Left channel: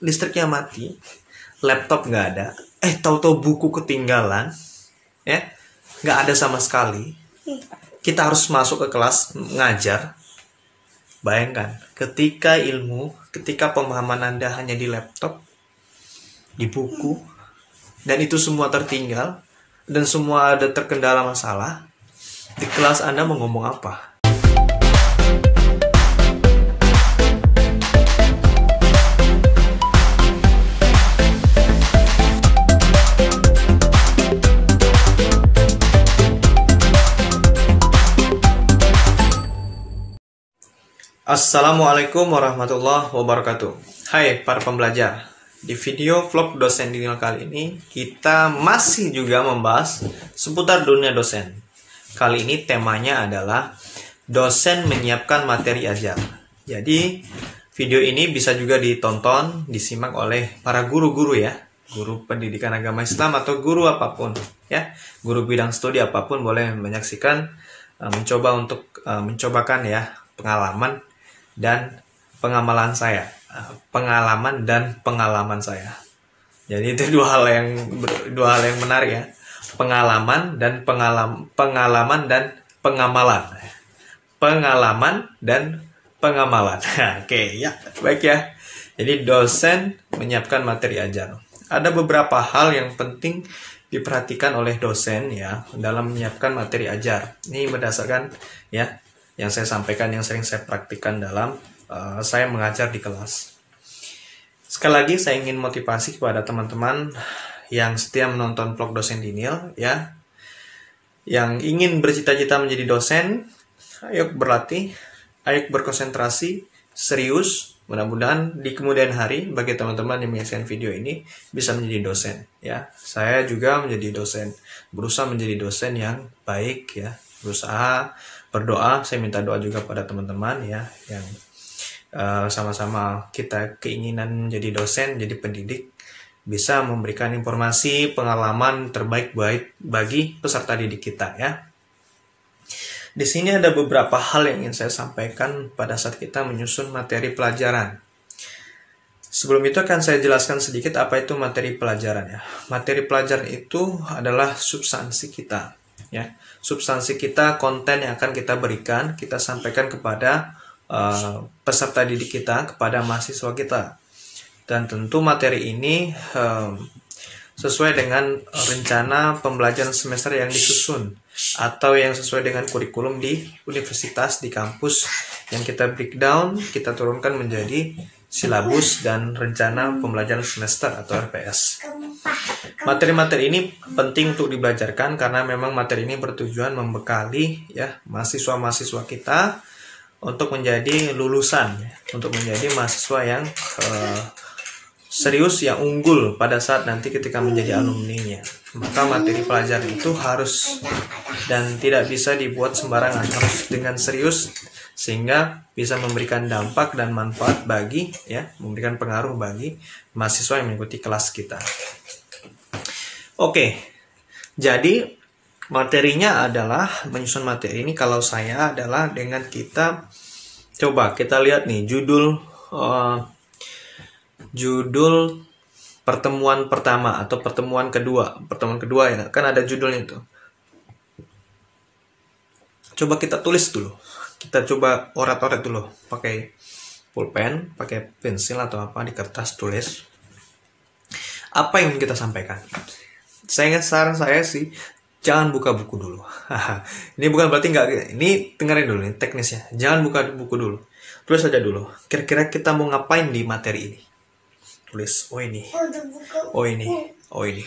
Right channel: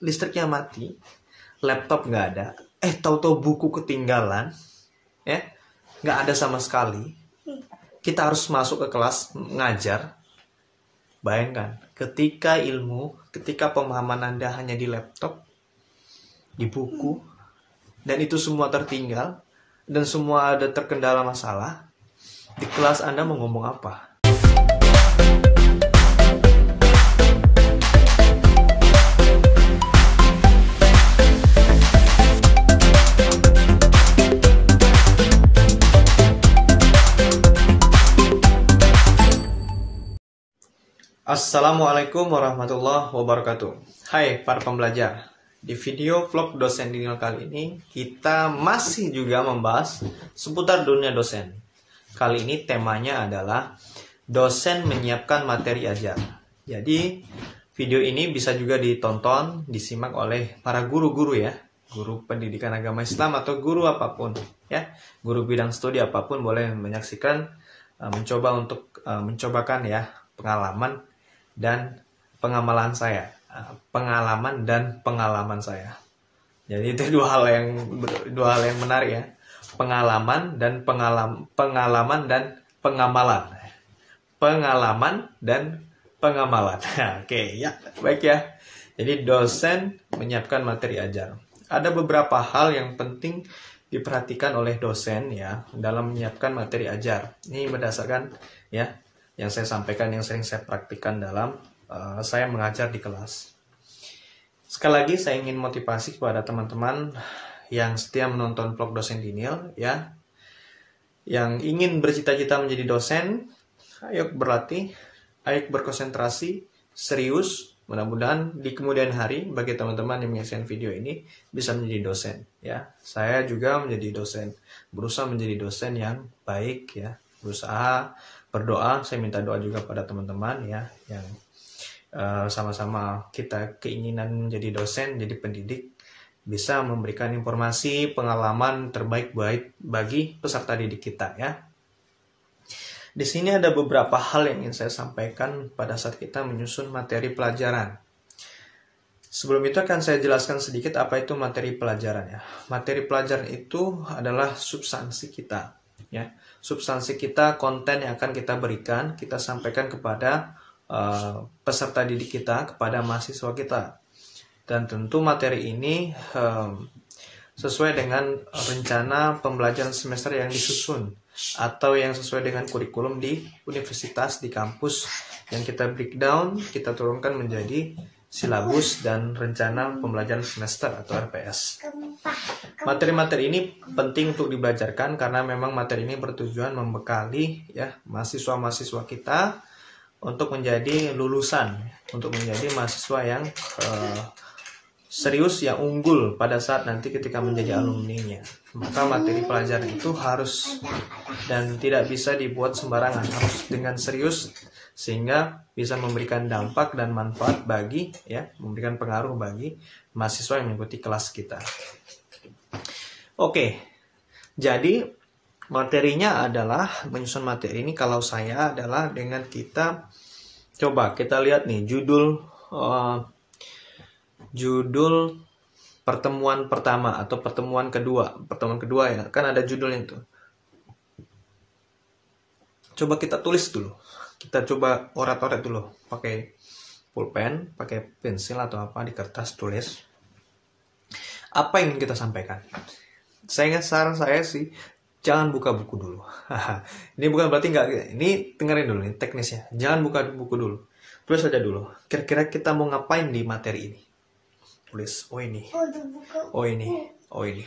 listriknya mati, laptop nggak ada, tahu-tahu buku ketinggalan, ya, nggak ada sama sekali. Kita harus masuk ke kelas ngajar. Bayangkan, ketika pemahaman Anda hanya di laptop, di buku, dan itu semua tertinggal, dan semua ada terkendala masalah, di kelas Anda mau ngomong apa? Assalamualaikum warahmatullahi wabarakatuh. Hai para pembelajar. Di video vlog dosen Daniel kali ini, kita masih juga membahas seputar dunia dosen. Kali ini temanya adalah dosen menyiapkan materi ajar. Jadi, video ini bisa juga ditonton, disimak oleh para guru-guru ya. Guru pendidikan agama Islam atau guru apapun ya. Guru bidang studi apapun boleh menyaksikan, mencobakan ya pengalaman dan pengamalan saya, pengalaman saya. Jadi itu dua hal yang menarik ya, pengalaman dan pengamalan, Oke ya, baik ya. Jadi dosen menyiapkan materi ajar. Ada beberapa hal yang penting diperhatikan oleh dosen ya dalam menyiapkan materi ajar. Ini berdasarkan ya yang saya sampaikan, yang sering saya praktikkan dalam saya mengajar di kelas. Sekali lagi saya ingin motivasi kepada teman-teman yang setia menonton vlog dosen Daniel ya, yang ingin bercita-cita menjadi dosen. Ayo berlatih, ayo berkonsentrasi, serius. Mudah-mudahan di kemudian hari bagi teman-teman yang menyaksikan video ini bisa menjadi dosen ya. Saya juga menjadi dosen, berusaha menjadi dosen yang baik ya, berusaha berdoa. Saya minta doa juga pada teman-teman ya yang sama-sama kita keinginan menjadi dosen, jadi pendidik, bisa memberikan informasi pengalaman terbaik bagi peserta didik kita ya. Di sini ada beberapa hal yang ingin saya sampaikan pada saat kita menyusun materi pelajaran. Sebelum itu akan saya jelaskan sedikit apa itu materi pelajaran ya. Materi pelajaran itu adalah substansi kita ya. Substansi kita, konten yang akan kita berikan, kita sampaikan kepada peserta didik kita, kepada mahasiswa kita. Dan tentu materi ini sesuai dengan rencana pembelajaran semester yang disusun atau yang sesuai dengan kurikulum di universitas, di kampus yang kita breakdown, kita turunkan menjadi silabus dan rencana pembelajaran semester atau RPS. Materi-materi ini penting untuk dibelajarkan karena memang materi ini bertujuan membekali ya mahasiswa-mahasiswa kita untuk menjadi lulusan, untuk menjadi mahasiswa yang serius, yang unggul pada saat nanti ketika menjadi alumni-nya. Maka materi pelajaran itu harus dan tidak bisa dibuat sembarangan, harus dengan serius sehingga bisa memberikan dampak dan manfaat bagi ya, memberikan pengaruh bagi mahasiswa yang mengikuti kelas kita. Oke, jadi materinya adalah menyusun materi ini. Kalau saya adalah dengan kita coba kita lihat nih judul pertemuan pertama atau pertemuan kedua ya kan ada judulnya itu. Coba kita tulis dulu. Kita coba orat-orat dulu pakai pulpen, pakai pensil atau apa di kertas, tulis apa yang kita sampaikan. Saran saya sih jangan buka buku dulu. Ini bukan berarti nggak, ini dengerin dulu nih teknisnya. Jangan buka buku dulu, tulis saja dulu. Kira-kira kita mau ngapain di materi ini? Tulis, oh ini,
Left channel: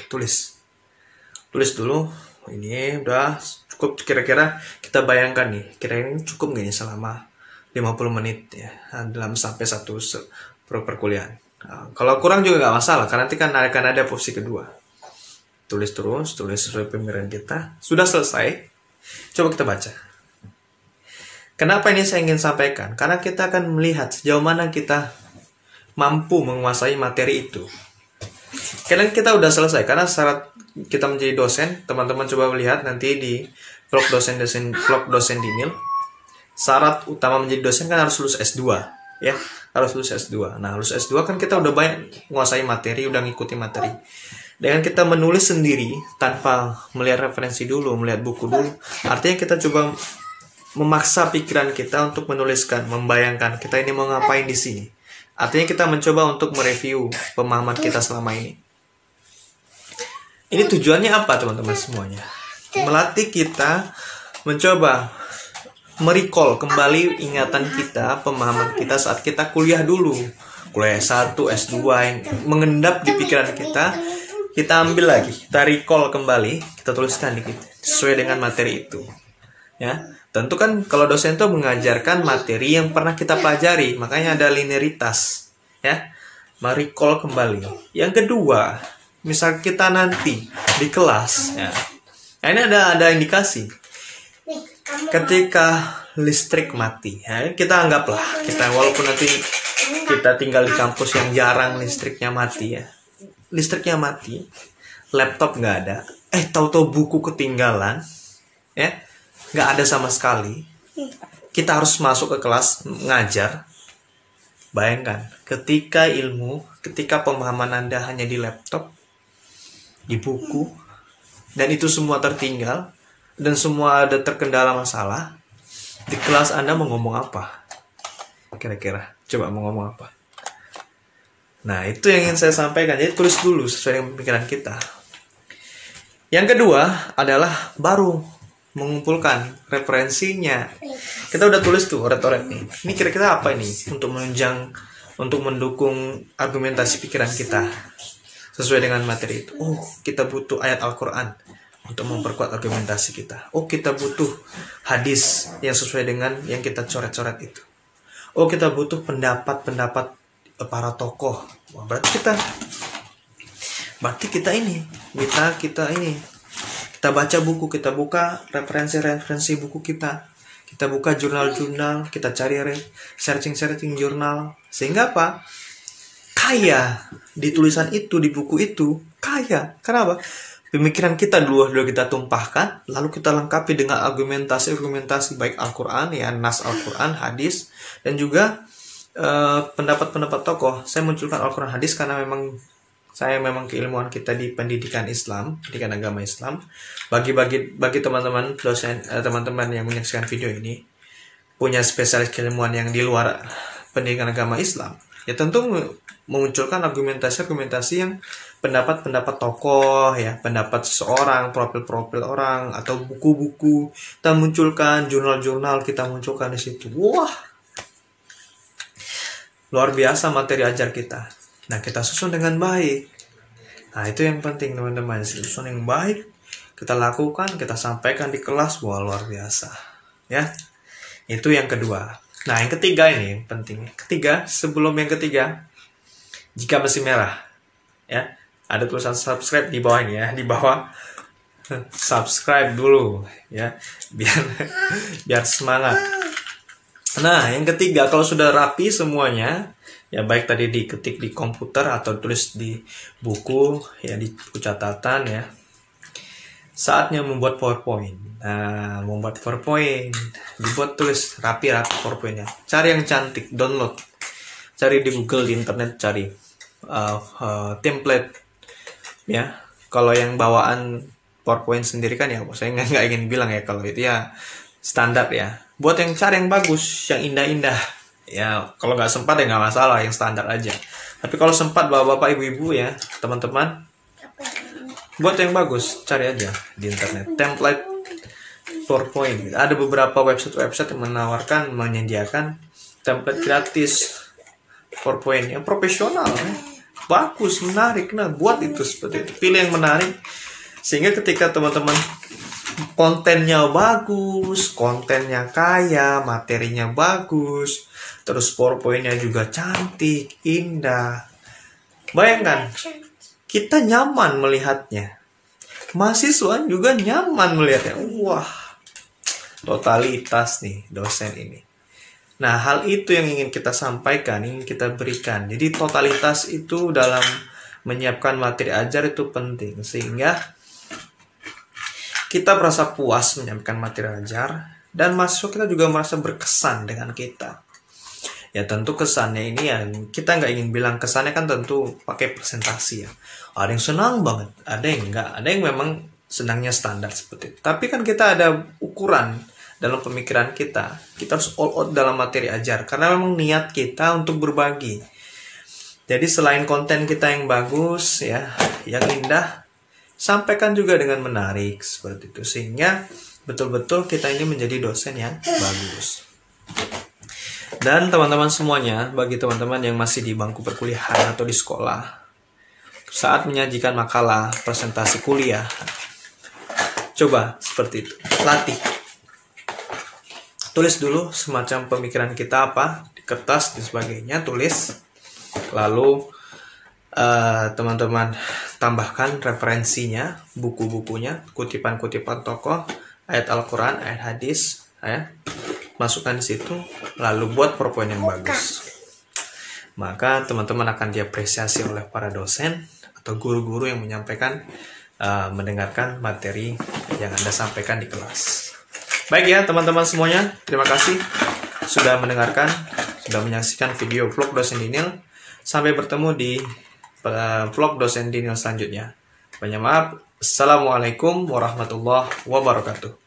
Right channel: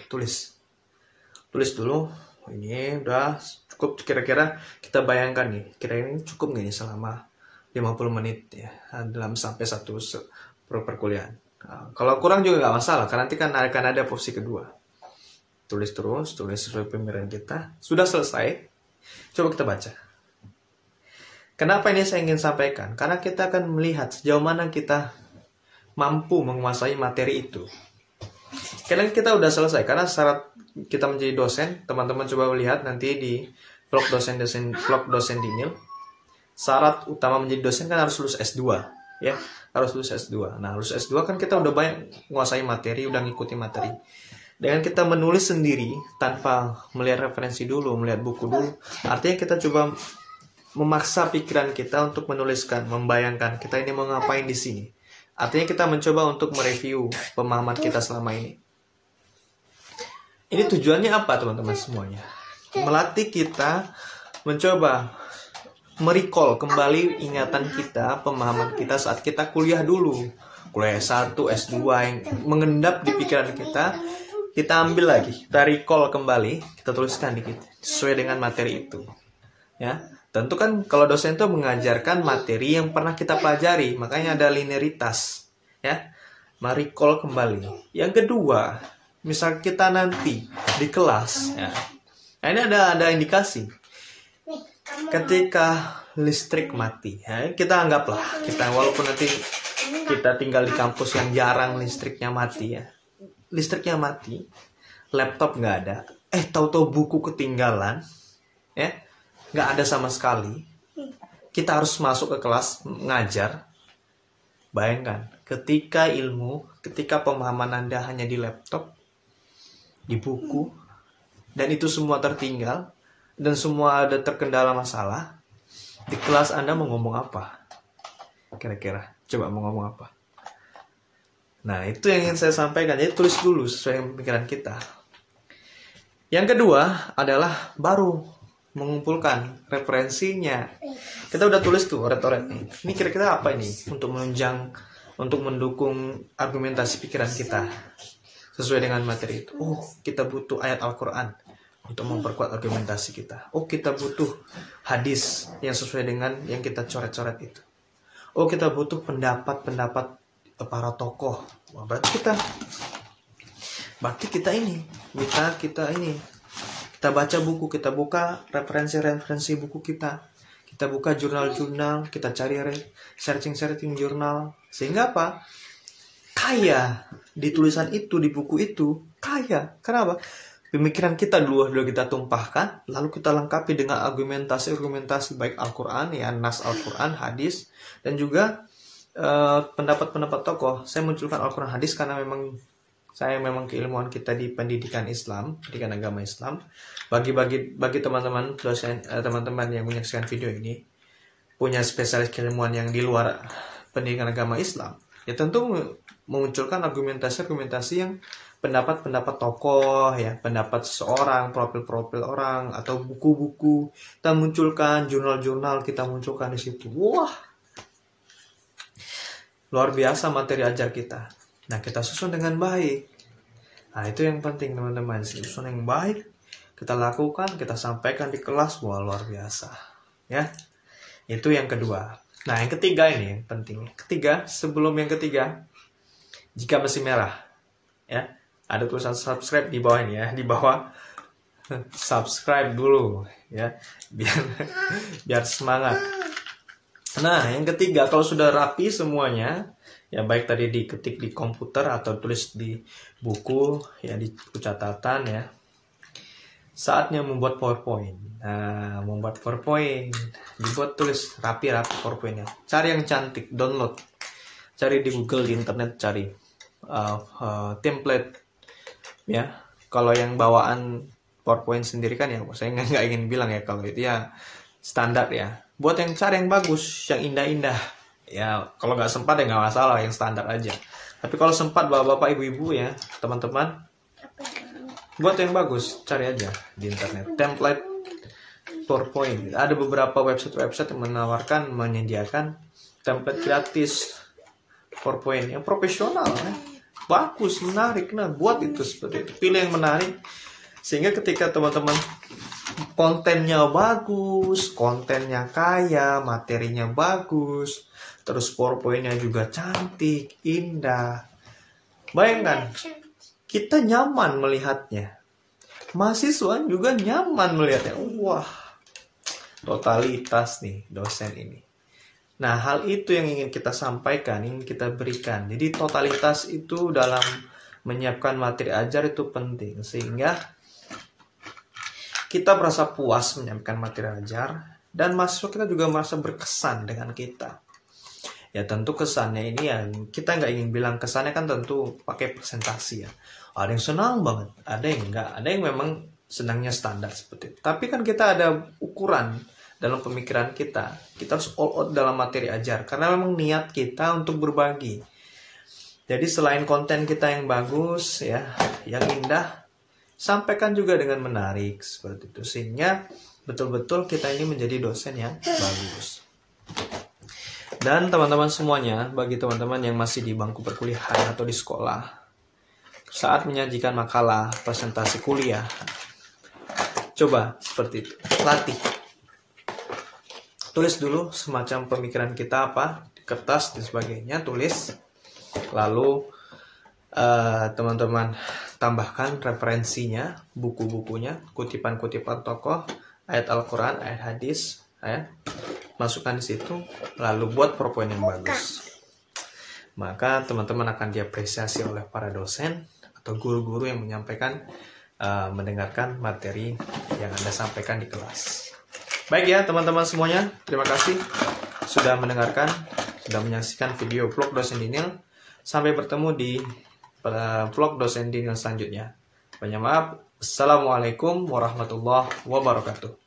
tulis dulu. Ini udah cukup, kira-kira kita bayangkan nih, kira-kira ini cukup nggak nih selama 50 menit ya dalam sampai satu perkuliahan. Kalau kurang juga nggak masalah, karena nanti kan akan ada porsi kedua. Tulis sesuai pemikiran kita. Sudah selesai, coba kita baca. Kenapa ini saya ingin sampaikan? Karena kita akan melihat sejauh mana kita mampu menguasai materi itu. Kalian kita udah selesai, karena syarat kita menjadi dosen, teman-teman coba lihat nanti di vlog dosen Daniel. Syarat utama menjadi dosen kan harus lulus S2 ya. harus lulus S2. Nah, lulus S2 kan kita udah banyak menguasai materi, udah ngikuti materi. Dengan kita menulis sendiri tanpa melihat referensi dulu, melihat buku dulu, artinya kita coba memaksa pikiran kita untuk menuliskan, membayangkan kita ini mau ngapain di sini. Artinya kita mencoba untuk mereview pemahaman kita selama ini. Ini tujuannya apa teman-teman semuanya? Melatih kita mencoba merecall kembali ingatan kita, pemahaman kita saat kita kuliah dulu. Kuliah S1, S2 yang mengendap di pikiran kita ambil lagi, kita recall kembali, kita tuliskan dikit sesuai dengan materi itu. Ya, tentu kan kalau dosen itu mengajarkan materi yang pernah kita pelajari, makanya ada linearitas, ya. Merecall kembali. Yang kedua, misal kita nanti di kelas, ya. Nah, ini ada indikasi. Ketika listrik mati, ya, kita anggaplah walaupun nanti kita tinggal di kampus yang jarang listriknya mati, ya, listriknya mati, laptop nggak ada, tahu-tahu buku ketinggalan, ya, nggak ada sama sekali, kita harus masuk ke kelas ngajar. Bayangkan, ketika pemahaman Anda hanya di laptop, di buku, dan itu semua tertinggal, dan semua ada terkendala masalah, di kelas Anda mau ngomong apa? Kira-kira, coba mau ngomong apa? Nah, itu yang ingin saya sampaikan. Jadi tulis dulu sesuai dengan pikiran kita. Yang kedua adalah baru mengumpulkan referensinya. Kita udah tulis tuh oret-oret nih. Ini kira-kira apa ini untuk menunjang, untuk mendukung argumentasi pikiran kita sesuai dengan materi itu. Oh, kita butuh ayat Al-Quran untuk memperkuat argumentasi kita. Oh, kita butuh hadis yang sesuai dengan yang kita coret-coret itu. Oh, kita butuh pendapat-pendapat para tokoh. Wah, berarti kita baca buku, kita buka referensi buku kita buka jurnal-jurnal, kita cari searching jurnal, sehingga apa? Kaya di tulisan itu, di buku itu, kaya. Kenapa? Pemikiran kita dulu kita tumpahkan, lalu kita lengkapi dengan argumentasi baik Al-Quran, ya, nas Al-Quran, hadis, dan juga pendapat-pendapat tokoh. Saya munculkan Al-Quran, hadis karena memang keilmuan kita di pendidikan Islam, pendidikan agama Islam. Bagi teman-teman dosen, teman-teman yang menyaksikan video ini punya spesialis keilmuan yang di luar pendidikan agama Islam, ya tentu memunculkan argumentasi yang pendapat-pendapat tokoh, ya, pendapat seseorang, profil-profil orang, atau buku-buku kita munculkan, jurnal-jurnal kita munculkan di situ. Wah, luar biasa materi ajar kita. Nah, kita susun dengan baik. Nah, itu yang penting teman-teman, susun yang baik, kita lakukan, kita sampaikan di kelas. Wah, luar biasa, ya. Itu yang kedua. Nah, yang ketiga ini penting. Sebelum yang ketiga, jika masih merah, ya, ada tulisan subscribe di bawahnya, ya, di bawah subscribe dulu, ya, biar semangat. Nah, yang ketiga, kalau sudah rapi semuanya, ya, baik tadi diketik di komputer atau tulis di buku, ya, di buku catatan, ya, saatnya membuat PowerPoint. Nah, membuat PowerPoint, tulis rapi PowerPointnya. Cari yang cantik, download, cari di Google, di internet, cari template, ya. Kalau yang bawaan PowerPoint sendiri kan, ya, saya nggak ingin bilang, ya, kalau itu ya standar, ya. Buat yang cari yang bagus, yang indah-indah, ya. Kalau nggak sempat ya nggak masalah, yang standar aja. Tapi kalau sempat bapak-bapak, ibu-ibu, ya, teman-teman, buat yang bagus, cari aja di internet template PowerPoint. Ada beberapa website yang menyediakan template gratis PowerPoint yang profesional, ya. Bagus, menarik. Nah, buat itu seperti itu. Pilih yang menarik, sehingga ketika teman-teman kontennya bagus, kontennya kaya, materinya bagus, terus PowerPoint-nya juga cantik, indah. Bayangkan, kita nyaman melihatnya. Mahasiswa juga nyaman melihatnya. Wah, totalitas nih dosen ini. Nah, hal itu yang ingin kita sampaikan, ingin kita berikan. Jadi totalitas itu dalam menyiapkan materi ajar itu penting, sehingga kita merasa puas menyampaikan materi ajar, dan mahasiswa kita juga merasa berkesan dengan kita. Ya tentu kesannya ini ya, kita nggak ingin bilang kesannya kan tentu pakai presentasi ya. Ada yang senang banget, ada yang enggak, ada yang memang senangnya standar seperti itu. Tapi kan kita ada ukuran dalam pemikiran kita harus all out dalam materi ajar. Karena memang niat kita untuk berbagi. Jadi selain konten kita yang bagus ya, yang indah, sampaikan juga dengan menarik seperti itu. Sehingga betul-betul kita ini menjadi dosen yang bagus. Dan teman-teman semuanya, bagi teman-teman yang masih di bangku perkuliahan atau di sekolah, saat menyajikan makalah, presentasi kuliah, coba seperti itu, latih. Tulis dulu semacam pemikiran kita apa, di kertas dan sebagainya, tulis. Lalu teman-teman tambahkan referensinya, buku-bukunya, kutipan-kutipan tokoh, ayat Al-Quran, ayat hadis, ya. Masukkan di situ, lalu buat PowerPoint yang bagus. Maka teman-teman akan diapresiasi oleh para dosen atau guru-guru yang menyampaikan, mendengarkan materi yang Anda sampaikan di kelas. Baik ya teman-teman semuanya, terima kasih sudah mendengarkan, sudah menyaksikan video vlog dosen Dinil. Sampai bertemu di vlog dosen Dinil selanjutnya. Banyak maaf. Assalamualaikum warahmatullahi wabarakatuh.